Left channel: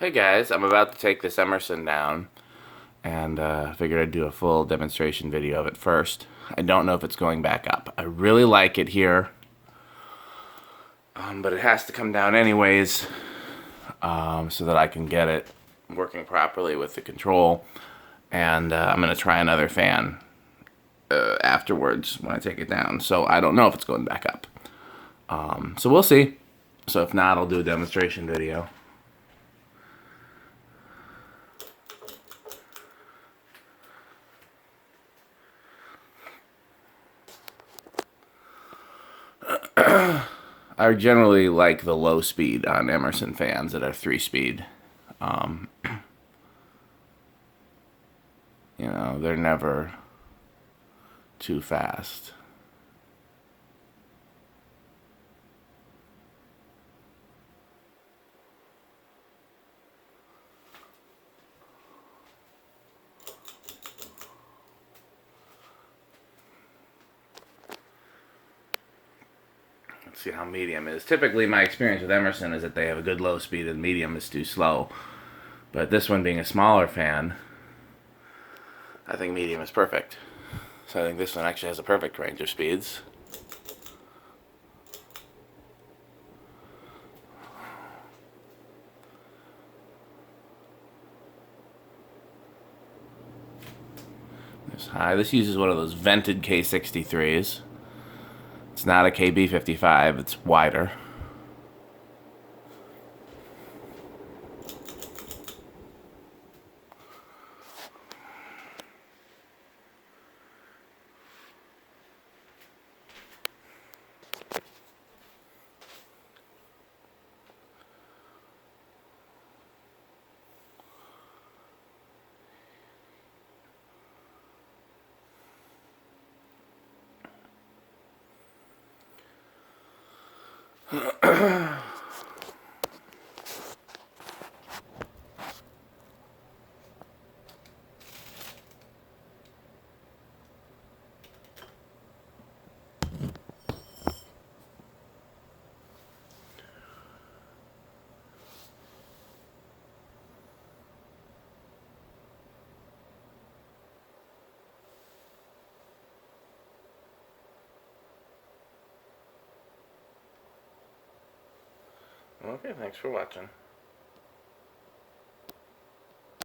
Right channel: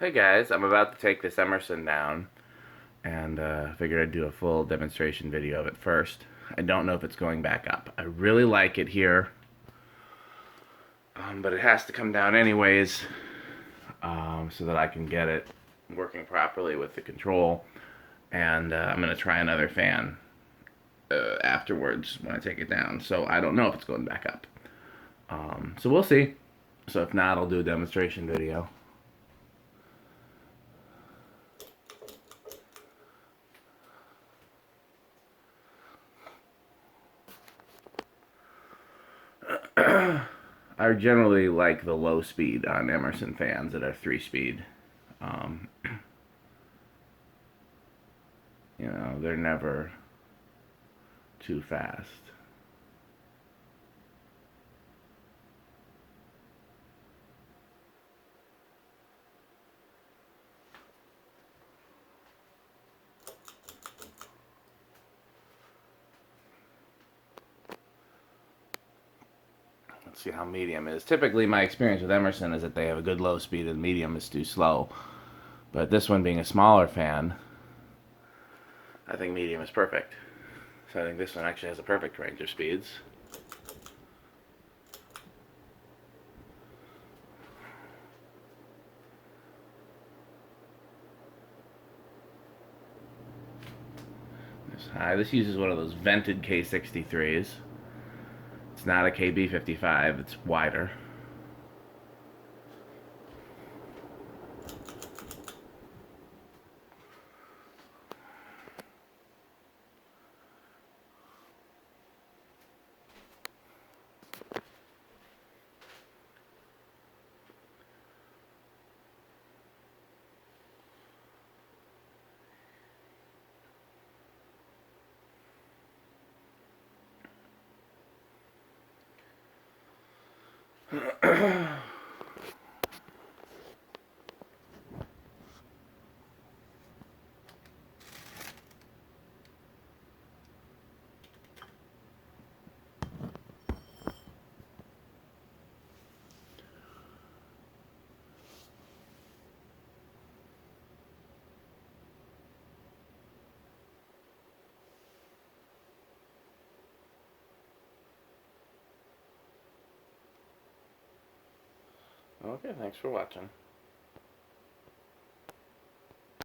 Hey guys, I'm about to take this Emerson down, and figured I'd do a full demonstration video of it first. I don't know if it's going back up. I really like it here, but it has to come down anyways, so that I can get it working properly with the control. And I'm going to try another fan afterwards when I take it down. So I don't know if it's going back up. So we'll see. So if not, I'll do a demonstration video. I generally like the low speed on Emerson fans that are 3-speed. You know, they're never too fast. Let's see how medium is. Typically, my experience with Emerson is that they have a good low speed and medium is too slow. But this one being a smaller fan, I think medium is perfect. So I think this one actually has a perfect range of speeds. This high. This uses one of those vented K63s. It's not a KB55, it's wider. Okay, thanks for watching.